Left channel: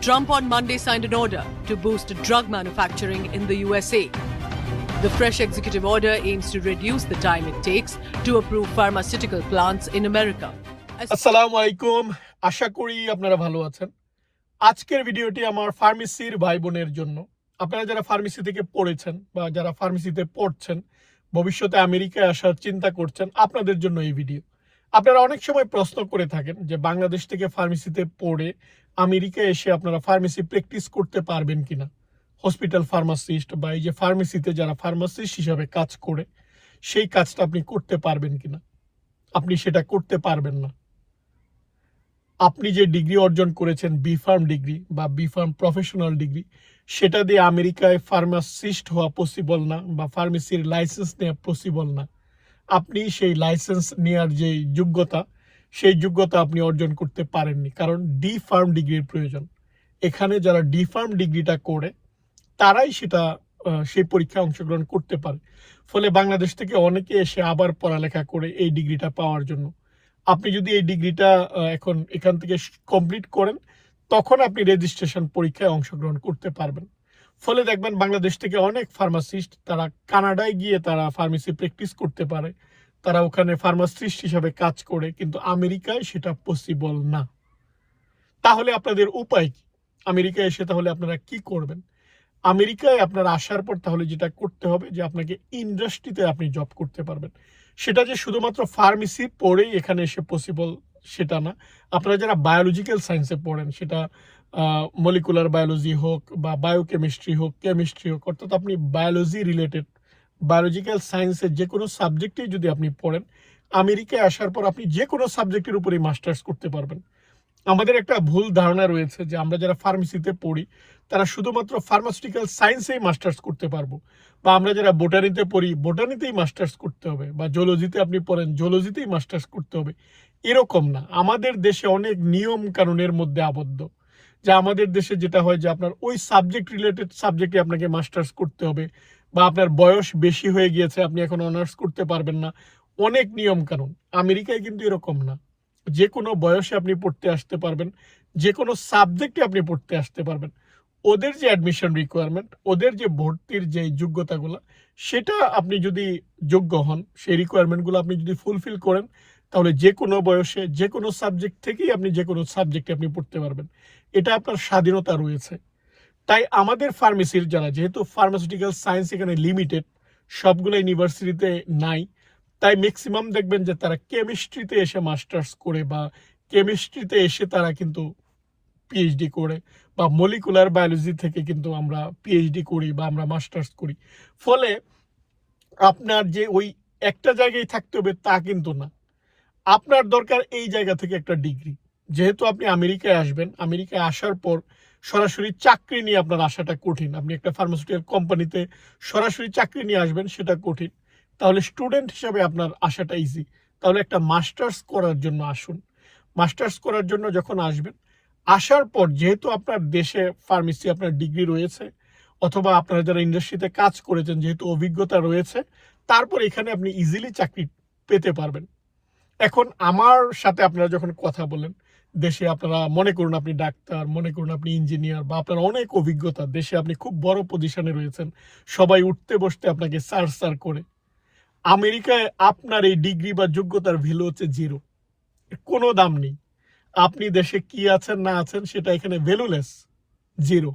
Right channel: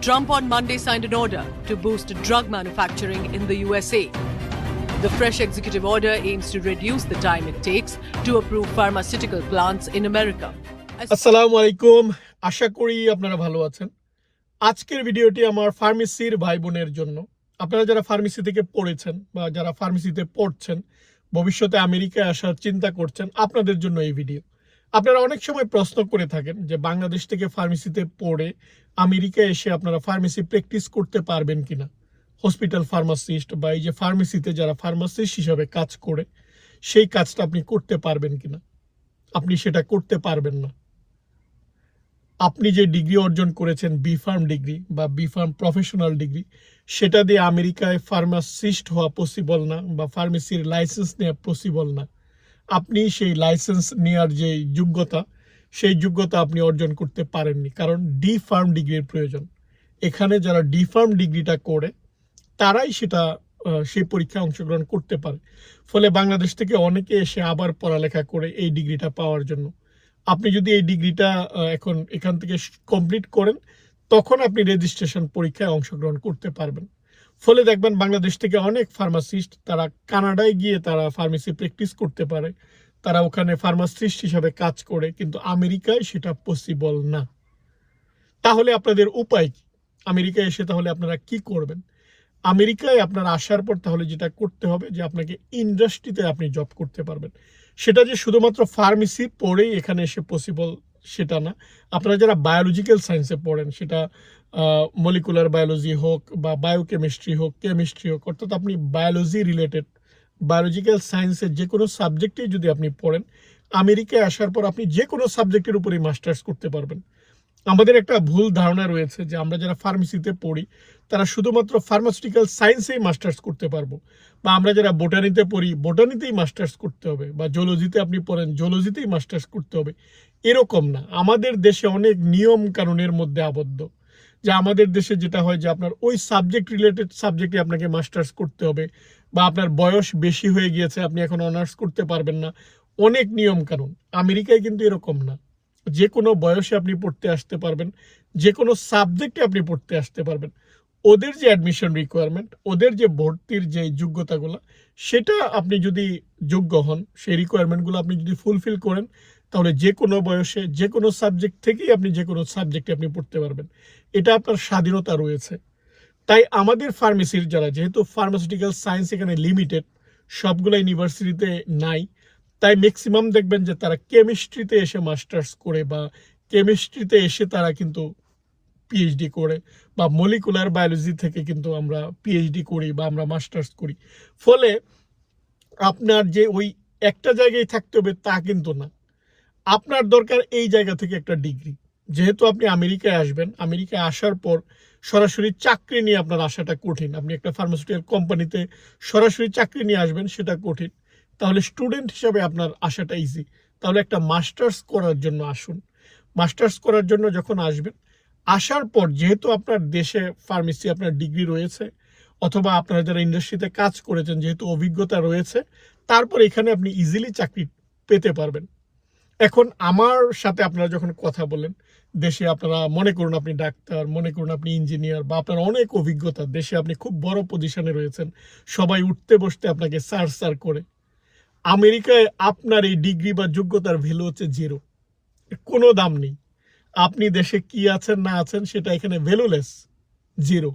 Trump on Monday signed an order to boost drug manufacturing in the USA. The fresh executive order aims to reduce the time it takes to approve pharmaceutical plants in America. আসসালামু আলাইকুম আশা করি আপনারা ভালো আছেন আজকের ভিডিওটি আমার ফার্মেসির ভাই বোনের জন্য আপনারা যারা ফার্মেসি থেকে পড়েছেন বা যারা ফার্মেসিতে পড়ছেন ভবিষ্যতে আমেরিকায় আসার চিন্তা করছেন আপনাদের জন্য এই ভিডিও আপনারা অনেক সময় প্রশ্ন করে থাকেন যে বাংলাদেশ থেকে ফার্মেসিতে পড়ে আমেরিকায় এসে আপনারা ফার্মেসি প্র্যাকটিস করতে পারবেন কি না হসপিটাল ফার্মাসিস্ট বা এই যে ফার্মেসিতে যারা ফার্মাসিস্ট হিসাবে কাজ করে, সেই কাজটা আপনি করতে পারবেন কি না আপনি সেটা করতে পারবেন না। আপনি যে ডিগ্রি অর্জন করেছেন, বি ফার্ম ডিগ্রি বা বি ফার্ম প্রফেশনাল ডিগ্রি, সেটা দিয়ে আমেরিকায় ফার্মাসিস্ট হওয়া পসিবল না বা ফার্মেসির লাইসেন্স নেওয়া পসিবল না। আপনি সেই লাইসেন্স নেওয়ার যে যোগ্যতা, সেই যোগ্যতা আপনি অর্জন করতে পারেননি। কারণ ডি ফার্ম ডিগ্রির প্রয়োজন। এখানে যারা ডি ফার্ম ডিগ্রিটা করে, তারাই সেটা সেই পরীক্ষায় অংশগ্রহণ করতে পারে। ফলে বাংলাদেশ থেকে অনেকে এসে আবার পড়ালেখা করে এই ডিগ্রিটা পাওয়ার জন্য। আপনি যদি এই ডিগ্রিটা এখন এখান থেকে কমপ্লিট করেন, তখন আপনি রেজিস্ট্রেশন পরীক্ষায় অংশগ্রহণ করতে পারবেন। ফলে দেখবেন বাংলাদেশ থেকে অনেক ফার্মাসিস্ট তারা কানাডায় গিয়ে তারা ফার্মেসি প্র্যাকটিস করতে পারে। তারা ওখানে ফার্মাসিস্ট হিসাবে কাজ করে, কিন্তু আমেরিকায় সেটা পসিবল না। তাহলে আপনাদের উপায় কি? আমেরিকায় এসে তাহলে আপনারা কি করবেন? আমেরিকায় আপনার আসার পর তাহলে যেটা করতে হবে যে আপনাকে ইন্ডাস্ট্রিতে আপনি জব করতে পারবেন। সেটা যে শুধুমাত্র ফার্মেসি পড়েই এখানে এসে পসিবল সেটা না। আপনারা যারা বায়োলজিক্যাল সায়েন্সে পড়েন, সেটা মলিকুলার বায়োলজি হোক বা বায়োকেমিস্ট্রি হোক কেমিস্ট্রি হোক, অর্থাৎ আপনি বায়োলজি রিলেটেড বায়োলজিক্যাল সায়েন্সের যে কোনো সাবজেক্টেই যদি আপনি পড়েন, আমেরিকায় আসার পর আপনি যে কোনো সাবজেক্টের উপরেই মাস্টার্স করতে পারবেন। আমাদের একটা ভুল ধারণা রয়েছে যে আমরা যারা ফার্মেসিতে পড়ি, তারা শুধুমাত্র ফার্মাসিউটিক্যাল সায়েন্সেই মাস্টার্স করতে পারব। বা আমরা যারা বোটানিতে পড়ি বোটানিতেই মাস্টার্স করতে হবে বা জোলজিতে আপনি পড়েন জোলজিতেই মাস্টার্স করতে হবে। এরকম না। আমাদের দেশে অনেক নিয়ম কানুনের মধ্যে আবদ্ধ। যা আমাদের দেশে যেটা হয় যে আপনার ওই সাবজেক্ট রিলেটেড সাবজেক্টে আপনাকে মাস্টার্স করতে হবে বা আপনার বয়স বেশি হয়ে গিয়েছে, আপনি এখন অনার্স করতে পারবেন না। অনেক নিয়ম কানুন আমেরিকায় কিন্তু এরকম না। যে কোনো বয়সে আপনি পড়তে আসতে পারবেন, যে কোনো সাবজেক্টে আপনি পড়তে আসতে পারবেন। ওদের যে অ্যাডমিশন রিকোয়ারমেন্ট ওদের যে ভর্তির যে যোগ্যতাগুলো, সেটা আপনি যদি যোগ্য হন, সেই রিকোয়ারমেন্টগুলো আপনি যদি ফুলফিল করেন তাহলে যে কোনো বয়সে, যে কোনো সাবজেক্ট থেকেই আপনি যে কোনো সাবজেক্টে আপনি পড়তে পারবেন। এটা আপনার স্বাধীনতা রয়েছে। তাই আমাদের ফার্মেসির যারা, যেহেতু ফার্মাসিউটিক্যাল সায়েন্স এখানে লিমিটেড সবগুলো ইউনিভার্সিটিতে নাই, তাই ম্যাক্সিমাম দেখবেন যে তারা কেমিস্ট্রিতে এসে মাস্টার্স করে বা কেমিস্ট্রিতে এসে তারা কিন্তু পিএইচডি করে বা মলিকুলার বায়োলজি থেকে কিন্তু আমরা পিএইচডি করি বা আমরা মাস্টার্স করি। ফলে আপনার যে ওই একটা জায়গায় থাকতে হবে তা কিন্তু না। আপনার দরকার এই জায়গা থেকে একটা ডিগ্রি। যেহেতু আপনি আমেরিকায় আসবেন, আমেরিকায় আসার পর সরাসরি চাকরি নিয়ে আপনার আসাটা কঠিন। আপনি একটা ফার্মাসিউটিক্যাল কোম্পানিতে সরাসরি চাকরি নিয়ে আসবেন, সেটা কঠিন। তাহলে স্টুডেন্ট হিসাবে আপনার আসাটা ইজি তাহলে একটা মাস্টার্স করার জন্য আসুন। মাস্টার্স করার জন্য যখন আসবেন, আসার পর যেহেতু আপনার দেশে ফার্মেসি আপনার ডিগ্রি রয়েছে, অথবা আপনারা যারা ইন্ডাস্ট্রিতে কাজ করেছেন, যেহেতু অভিজ্ঞতা রয়েছে, তারপর এখানে আপনি ইজিলি চাকরি পেতে পারবেন। এখন আমার সাথে আপনারা যখন কথা বলেন, দেশে আপনারা মনে করুন আপনি ডাক্তার, মনে করুন আপনি ইঞ্জিনিয়ার বা আপনার অনেক অভিজ্ঞতা, দেশে আপনি খুব বড় পজিশনে রয়েছেন, সবাই উঠতে বসতে আপনাকে সার সার করে। আমেরিকায় আপনার এই ডিগ্রি বা যোগ্যতার ভ্যালু হচ্ছে জিরো কোনো দাম নেই। আপনি দেশে কি আছেন, না আছেন, সেটা এখানে ভ্যালুলেস জিরো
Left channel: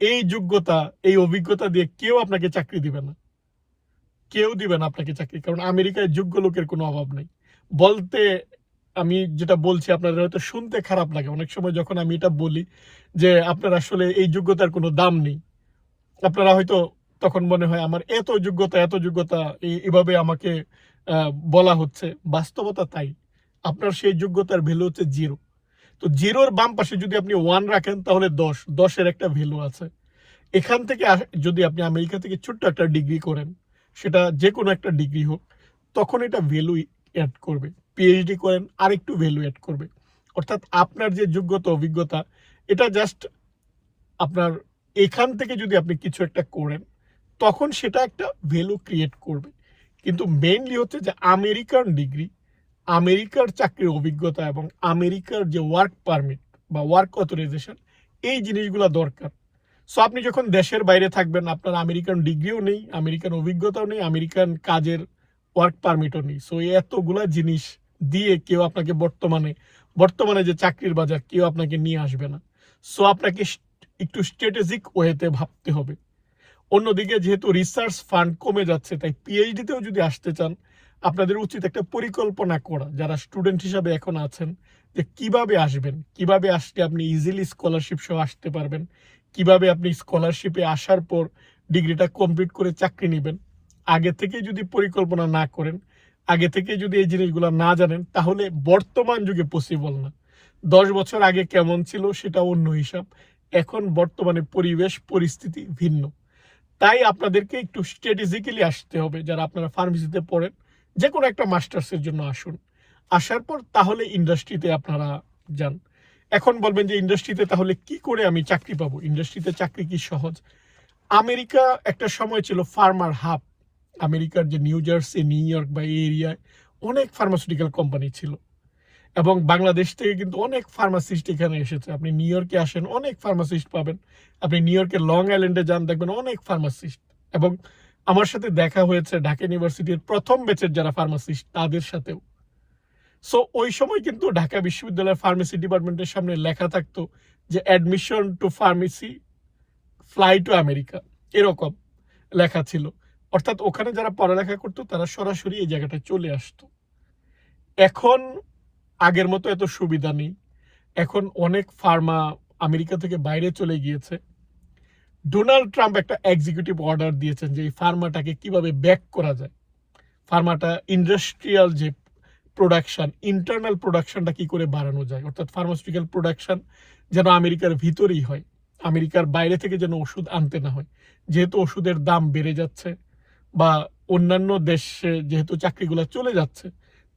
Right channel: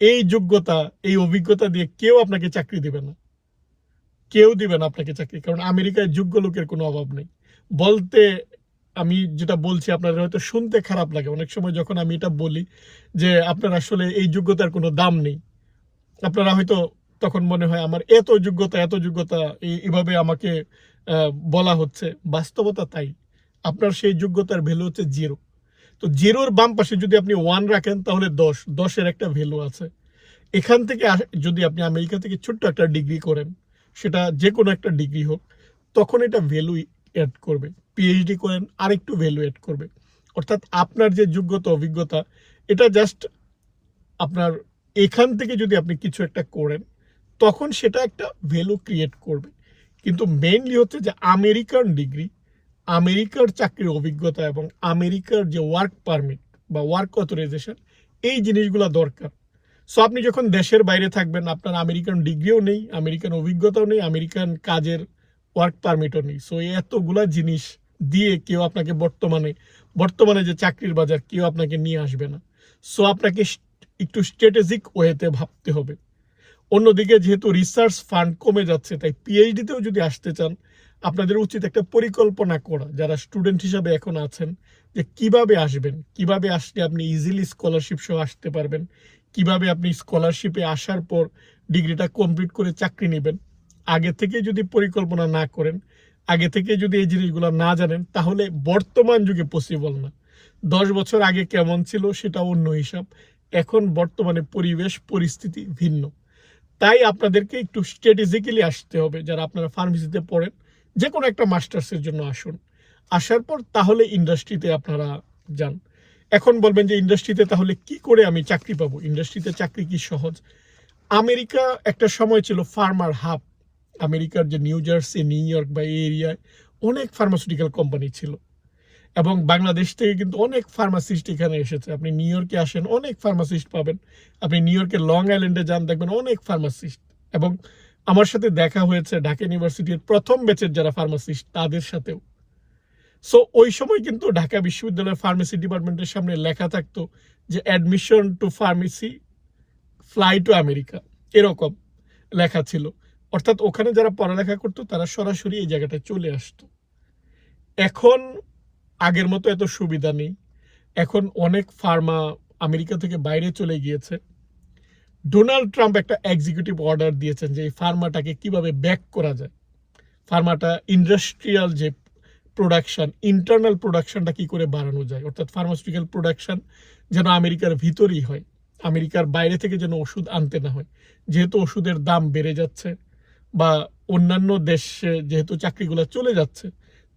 এই যোগ্যতা, এই অভিজ্ঞতা দিয়ে কেউ আপনাকে চাকরি দিবে না। কেউ দিবে না আপনাকে চাকরি, কারণ আমেরিকায় যোগ্য লোকের কোনো অভাব নেই। বলতে আমি যেটা বলছি আপনাদের হয়তো শুনতে খারাপ লাগে। অনেক সময় যখন আমি এটা বলি যে, আপনার আসলে এই যোগ্যতার কোনো দাম নেই। আপনারা হয়তো তখন মনে হয়, আমার এত যোগ্যতা এত যোগ্যতা, এই- এভাবে আমাকে বলা হচ্ছে। বাস্তবতা তাই। আপনার সেই যোগ্যতার ভ্যালু হচ্ছে জিরো তো জিরোর বাম পাশে যদি আপনি ওয়ান রাখেন, তাহলে দশ, দশের একটা ভ্যালু আছে। এখান থেকে যদি আপনি আমেরিকা থেকে ছোট্ট একটা ডিগ্রি করেন, সেটা যে কোনো একটা ডিগ্রি হোক, তখন এটা ভ্যালু অ্যাড করবে। পিএইচডি করেন, আরেকটু ভ্যালু অ্যাড করবে। অর্থাৎ আপনার যে যোগ্যতা, অভিজ্ঞতা, এটা জাস্ট আপনার এখান থেকে যদি আপনি কিছু একটা করেন, তখন সেটা একটা ভ্যালু ক্রিয়েট করবে। কিন্তু মেনলি হচ্ছে যে আমেরিকান ডিগ্রি আমেরিকার চাকরির অভিজ্ঞতা এবং আমেরিকার যে ওয়ার্ক পারমিট বা ওয়ার্ক অথরাইজেশন এই জিনিসগুলো দরকার। সো আপনি যখন দেশের বাইরে থাকবেন, আপনার আমেরিকান ডিগ্রিও নেই আমেরিকান অভিজ্ঞতাও নেই আমেরিকান কাজের ওয়ার্ক পারমিটও নেই। সো এতগুলা জিনিস দিয়ে কেউ আপনাকে বর্তমানে বর্তমানে যে চাকরির বাজার, কেউ আপনাকে নিয়ে আসবে না। সো আপনাকে একটু স্ট্র্যাটেজিক ওয়েতে ভাবতে হবে। অন্যদিকে যেহেতু রিসার্চ ফান্ড কমে যাচ্ছে, তাই পিএইচডিতেও যদি আসতে চান, আপনাদের উচিত একটা পরিকল্পনা করা। যারা স্টুডেন্ট হিসাবে এখন আছেন, যে কীভাবে আসবেন, কীভাবে আসলে আপনি ইজিলি স্কলারশিপ সহ আসতে পারবেন, কীভাবে আপনি স্কলারশিপে আসার পর ডিগ্রিটা কমপ্লিট করে চাকরি নেবেন। আগে থেকে যদি পরিকল্পনা না করেন, আগে থেকে যদি এই জিনিসগুলো না জানেন, তাহলে বর্তমান যুগে পসিবল না। দশ বছর আগে কেমন ছিল সেটা অন্য হিসাব। এখন বর্তমানে পরিবেশ, পরিস্থিতি ভিন্ন। তাই আপনাদেরকে একটু স্ট্র্যাটেজিক্যালি আসতে হবে, যারা আপনারা ফার্মেসিতে পড়েন যে কোনো একটা মাস্টার্সের জন্য আসুন। আসার পর তাহলে ইন্ডাস্ট্রিতে আপনারা যান। এখন বলবেন যে ইন্ডাস্ট্রিতে তাহলে কি করে আমি চাকরি পাবো? ইন্ডাস্ট্রিতে চাকরি কি সহজ? আমেরিকা একটা সময় ছিল ফার্মার হাব আমেরিকার যে নিউ জার্সি, নিউ ইয়র্ক বা এই এরিয়ায় অনেক ফার্মাসিউটিক্যাল কোম্পানি ছিল। এবং বাংলাদেশ থেকে কিন্তু অনেক ফার্মাসিস্ট এখানে এসেছে। আপনি নিউ ইয়র্কে আসেন, অনেক ফার্মাসিস্ট পাবেন। আপনি নিউ ইয়র্কের লং আইল্যান্ডে যান, দেখবেন অনেক ফার্মাসিস্ট এবং আমার সাথে দেখা হয়েছে ঢাকা ইউনিভার্সিটির প্রথম ব্যাচের যারা ফার্মাসিস্ট তাদের সাথেও। সো ওই সময় কিন্তু ঢাকা বিশ্ববিদ্যালয়ের ফার্মেসি ডিপার্টমেন্টের সামনে লেখা থাকতো যে admission to pharmacy fly to America এরকম লেখা ছিল। অর্থাৎ ওখানে যারা পড়ালেখা করতো, তারা সরাসরি এই জায়গাটায় চলে আসতো। এখন আগের মতো এত সুবিধা নেই। এখন অনেক ফার্মা আমেরিকা থেকে বাইরে চলে গিয়েছে। ডোনাল্ড ট্রাম্প একটা এক্সিকিউটিভ অর্ডার দিয়েছেন যে এই ফার্মাটাকে কীভাবে ব্যাক করা যায়। ফার্মাটা ইন্ডাস্ট্রিয়াল যে প্রোডাকশন ইন্টারনাল প্রোডাকশানটা কি করে বাড়ানো যায়? অর্থাৎ ফার্মাসিউটিক্যাল প্রোডাকশন যেন আমেরিকার ভিতরেই হয়। আমেরিকার বাইরে থেকে যেন ওষুধ আনতে না হয়। যেহেতু ওষুধের দাম বেড়ে যাচ্ছে বা অন্যান্য দেশে যেহেতু চাকরিগুলো চলে যাচ্ছে,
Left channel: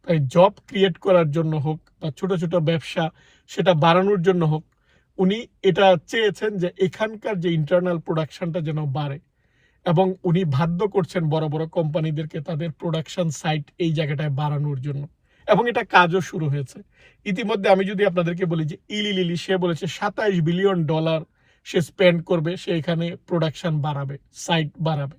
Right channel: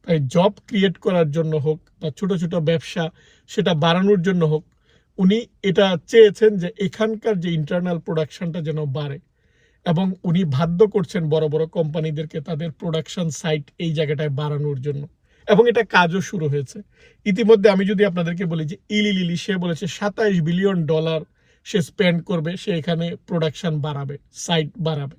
তাই জব ক্রিয়েট করার জন্য হোক বা ছোট ছোট ব্যবসা সেটা বাড়ানোর জন্য হোক, উনি এটা চেয়েছেন যে এখানকার যে ইন্টারনাল প্রোডাকশনটা যেন বাড়ে এবং উনি বাধ্য করছেন বড় বড় কোম্পানিদেরকে তাদের প্রোডাকশন সাইট এই জায়গাটায় বাড়ানোর জন্য এবং এটা কাজও শুরু হয়েছে। ইতিমধ্যে আমি যদি আপনাদেরকে বলি যে ইলি লিলি, সে বলেছে সাতাইশ বিলিয়ন ডলার সে স্পেন্ড করবে, সে এখানে প্রোডাকশন বাড়াবে সাইট বাড়াবে।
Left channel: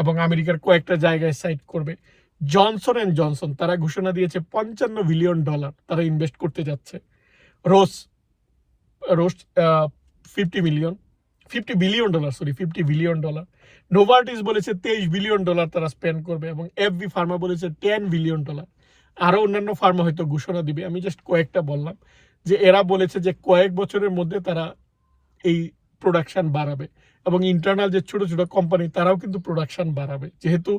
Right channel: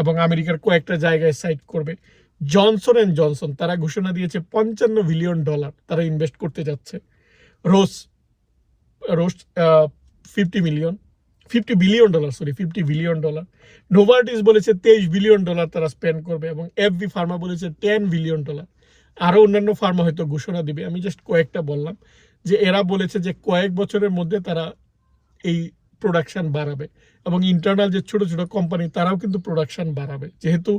এবং আমেরিকার কয়েকটা জায়গায় সাইট করবে। জনসন অ্যান্ড জনসন তারা ঘোষণা দিয়েছে পঞ্চান্ন বিলিয়ন ডলার তারা ইনভেস্ট করতে যাচ্ছে। Roche Roche fifty million fifty billion dollar sorry fifty billion dollar Novartis বলেছে তেইশ বিলিয়ন ডলার তারা স্পেন্ড করবে এবং এফবি ফার্মা বলেছে টেন বিলিয়ন ডলার আরও অন্যান্য ফার্মা হয়তো ঘোষণা দিবে। আমি জাস্ট কয়েকটা বললাম যে এরা বলেছে যে কয়েক বছরের মধ্যে তারা এই প্রোডাকশন বাড়াবে এবং ইন্টারনাল যে ছোট ছোট কোম্পানি তারাও কিন্তু প্রোডাকশন বাড়াবে। যেহেতু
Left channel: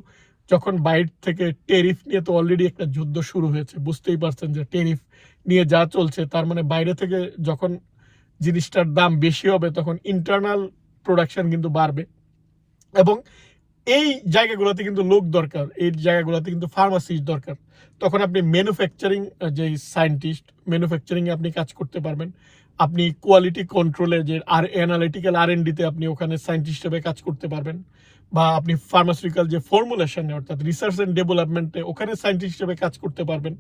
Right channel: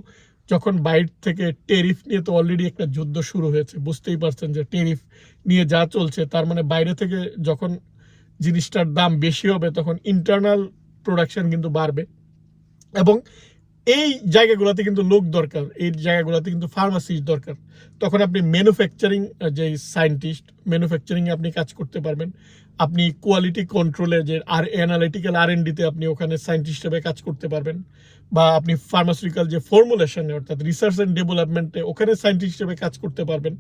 যখন বাইর থেকে টেরিফ নিয়ে তো অলরেডি একটা যুদ্ধ শুরু হয়েছে, বুঝতেই পারছেন যে টেরিফ নিয়ে যা চলছে, তার মানে বাইরে থেকে যখন জিনিসটার দাম বেশি হবে, তখন ইন্টারনাল প্রোডাকশন কিন্তু বাড়বে। এবং এই জায়গাগুলোতে কিন্তু লোক দরকার, এই জায়গাগুলোতে কিন্তু ফার্মাসিস্ট দরকার। তখন আপনি ম্যানুফ্যাকচারিং যে সায়েন্টিস্ট ম্যানুফ্যাকচারিংয়ে আপনি কাজ করতে পারবেন। আপনি কোয়ালিটি কন্ট্রোলে যে আর অ্যানালিটিক্যাল আর ডিতে আপনি ওখানে সায়েন্টিস্ট হিসেবে কাজ করতে পারবেন, বা আপনি ফার্মাসিউটিক্যাল যে ফর্মুলেশনে অর্থাৎ রিসার্চ অ্যান্ড ডেভেলপমেন্টে ওখানে সায়েন্টিস্ট হিসেবে কাজ করতে পারবেন।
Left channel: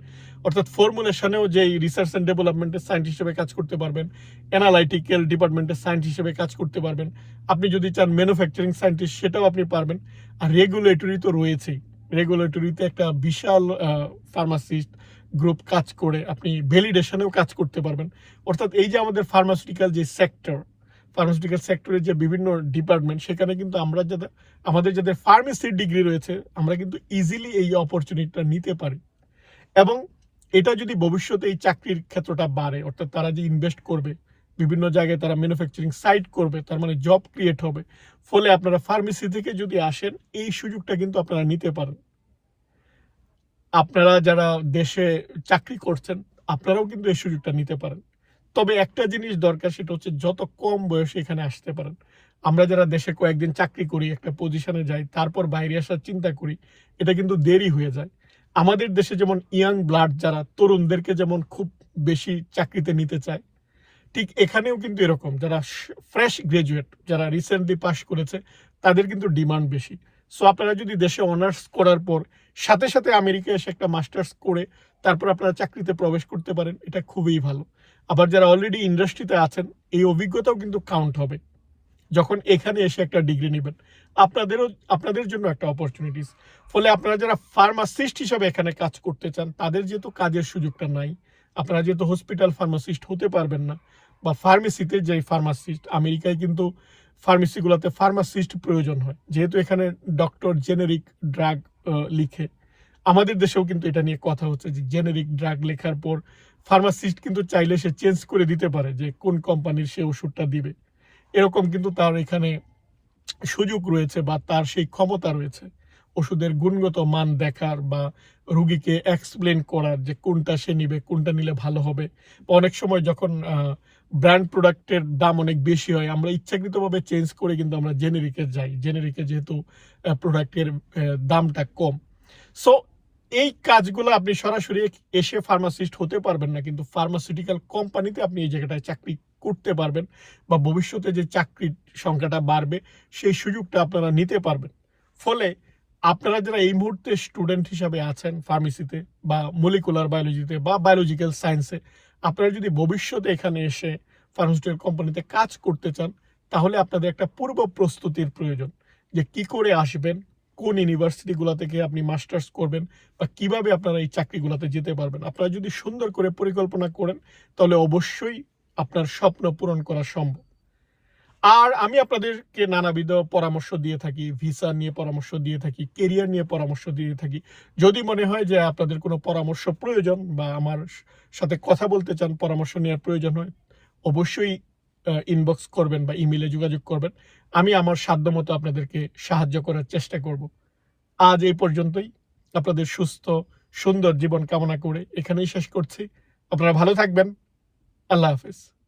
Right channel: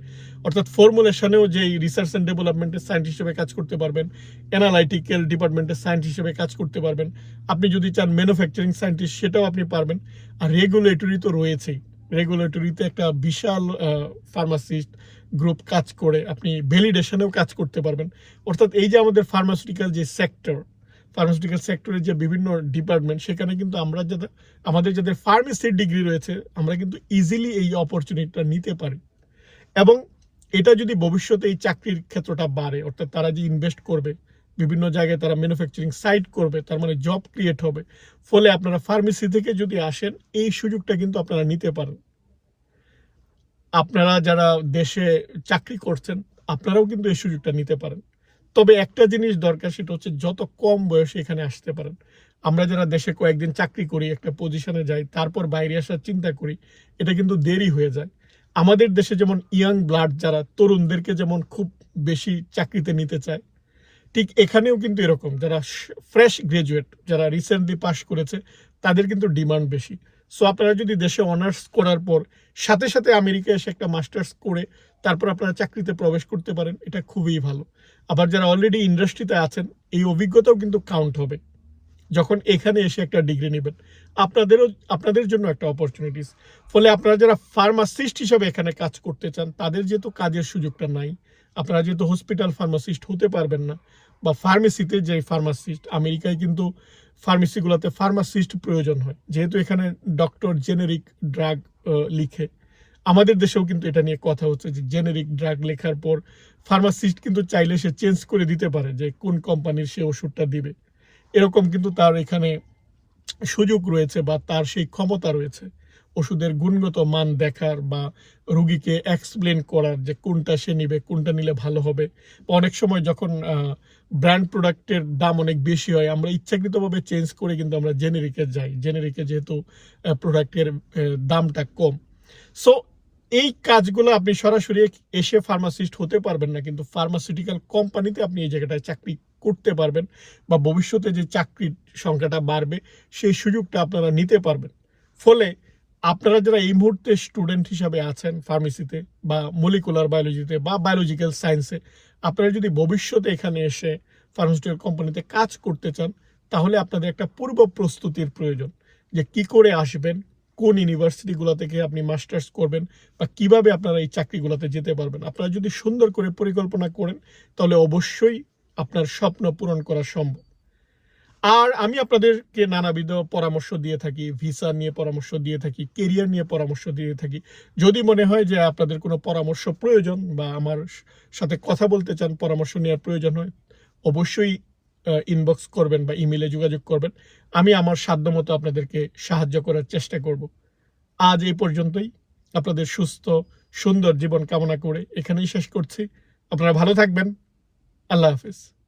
অর্থাৎ ফর্মুলেশনেও যেই রিসার্চ অ্যান্ড ডেভেলপমেন্টের সায়েন্টিস্ট হিসেবে কাজ করতে পারবেন অ্যানালাইটিক্যাল ডিপার্টমেন্টের সায়েন্টিস্ট হিসেবে কাজ করতে পারবেন। আপনি যদি চান ম্যানুফ্যাকচারিং সায়েন্টিস্ট সেটাও আপনি পারবেন। আর রেগুলেটরি তো রয়েছেই। রেগুলেটরিতে একটা বিশাল ফার্মাসিস্ট গ্রুপ কাজ করে আপনি ভ্যালিডেশনেও কাজ করতে পারবেন। অর্থাৎ এই যে আমাদের ফার্মাসিউটিক্যাল যে সেক্টর ফার্মাসিউটিক্যাল সেক্টরের যে বিভিন্ন ডিপার্টমেন্ট সেখানে কিন্তু আমরা যাদের আমাদের যাদের ফার্মেসির ডিগ্রি রয়েছে, আমরা কিন্তু ইজিলি এই অপরচুনিটিটা নিতে পারি। এবং এটা যদি ভবিষ্যতে এই চাকরির ক্ষেত্রটা বাড়ে, অর্থাৎ তারা যে ইনভেস্ট করবে, বিভিন্ন জায়গায় তারা ম্যানুফ্যাকচারিং সাইট করবে, তার মানে জব ক্রিয়েট হবে, ফলে আপনারা ফার্মেসি থেকে যদি আসেন, এই সুযোগটা কিন্তু আপনারা নিতে পারেন। আপনারা যারা দেশে চাকরি করছেন, আপনারাও কিন্তু এই সুযোগটা নিতে পারেন। তবে একটা জিনিস দরকার, সেটা হচ্ছে যত কম বয়সে এখানে আসতে পারেন। আমরা যারা দেশে কয়েকদিন চাকরি করি, একটা পজিশনে যাই, তারপর বাইরে আসার চিন্তা করি, এটা কিন্তু দেরি হয়ে যায়। আমাদের দেশে যেমন ইয়াং ব্লাড যারা, তরুণদেরকে যেমন খুব বেশি চাকরিতে নিতে চায়, ঠিক এখানেও কিন্তু এরকম। যারা ফ্রেশ গ্রাজুয়েট, যারা রিসেন্টলি পাশ করেছে, তাদের কিন্তু ডিমান্ড বেশি। সো আপনারা যদি দেশে অনার্স করার পর, সাথে সাথে আমেরিকা এসে একটা মাস্টার্স করে, তারপর আপনারা চাকরিতে প্রবেশ করতে পারেন, এটা খুবই ভালো। আবার যারা অলরেডি ইন্ডাস্ট্রিতে আছেন, এই অভিজ্ঞতাও কিন্তু কাউন্ট হবে, যখন এখানে এসে একটা ডিগ্রি নেবেন। আপনাদেরও, আপনাদের জন্য একটা অপরচুনিটিস ফলে আপনারা যারা ফার্মাসিস্ট হিসাবে এখানে কাজ করতে চান, তাদের যেহেতু কাজের সুযোগটা নাই, আপনারা যেহেতু হসপিটাল ফার্মাসিস্ট হতে পারবেন না, বা ফার্মেসিতে যে ফার্মাসিস্ট আমেরিকায় কিন্তু ফার্মেসিগুলোতে ফার্মাসিস্ট প্রয়োজন হয়। যেহেতু এখানে ডক্টর জেনেরিক ড্রাগ লিখে। আমাদের দেশেও কিন্তু এটা নিয়ে কথা হচ্ছে যে জেনেরিক ড্রাগ লেখার পর ফার্মাসিস্ট কিন্তু চাইলে সে চেঞ্জ করে দিতে পারে যে কোন কোম্পানির সে ওষুধটা দিবে। এরকম কিন্তু তার এখানে সুযোগ রয়েছে বা তার সেই ক্ষমতা রয়েছে। ওষুধের গুণগত মান দেখার বা রুগীকে এক্সপ্লেন করার যে কোনটা সে নিবে, কোনটা নিলে ভালো হবে। অনেক সময় যখন ব্র্যান্ড প্রোডাক্টের দাম অনেক বেশি হয়, আমরা ইচ্ছাকৃতভাবে চেঞ্জ করে কিন্তু আমরা জেনেরিকে যাই। জেনেরিকে যেহেতু প্রোডাক্টের দামটা কম। সো এই কাজগুলো আপনি সরাসরি এসে ফার্মাসিস্ট হতে পারবেন না, কিন্তু ফার্মাসিউটিক্যাল কোম্পানিতে আপনি এই জায়গাটায় চাকরি করতে পারবেন বা ভবিষ্যতে যে চাকরির সংখ্যাটা বাড়বে, সেই সুযোগটা আপনারা নিতে পারবেন। ফলে আপনারা যারা এই মুহূর্তে স্টুডেন্ট হিসাবে আছেন ফার্মেসিতে বা মলিকুলার বায়োলজিতে বা বায়োলজিক্যাল সায়েন্সে আপনারা যদি ভবিষ্যতে এখানে এসে ফার্মাসিউটিক্যাল কোম্পানিতে কাজ করতে চান, তাহলে আপনাদের একটা পূর্ব প্রস্তুতির প্রয়োজন যে কি করে আসবেন, কোন ইউনিভার্সিটিগুলো থেকে আপনি মাস্টার্স করবেন বা কীভাবে আপনারা এই চাকরিগুলোতে যেতে পারবেন। আপনারা যদি সুন্দর করে পরিকল্পনা করেন, তাহলে অবশ্যই আপনার স্বপ্ন পূরণ করা সম্ভব। আর আমি আপনাদেরকে নানাবিধ পরামর্শ দিয়ে থাকি, ভিসা নিয়ে পরামর্শ দিয়ে থাকি, কেরিয়ার নিয়ে পরামর্শ দিয়ে থাকি। যদি মনে হয় যে আপনাদের কোনো পরামর্শ প্রয়োজন বা আমার সাথে কথা বলতে চান, পরামর্শ নেওয়ার প্রয়োজন হয়, অবশ্যই ইনবক্স করবেন বা ইমেলে যোগাযোগ করবেন। আমি আমার সাধ্যমতো আপনাদেরকে সাহায্য করার চেষ্টা করব। আজ এই পর্যন্তই। আপনাদের সুস্থ, সুন্দর জীবন কামনা করে এখানেই শেষ করছি। আপনারা ভালো থাকবেন। আল্লাহ হাফিজ।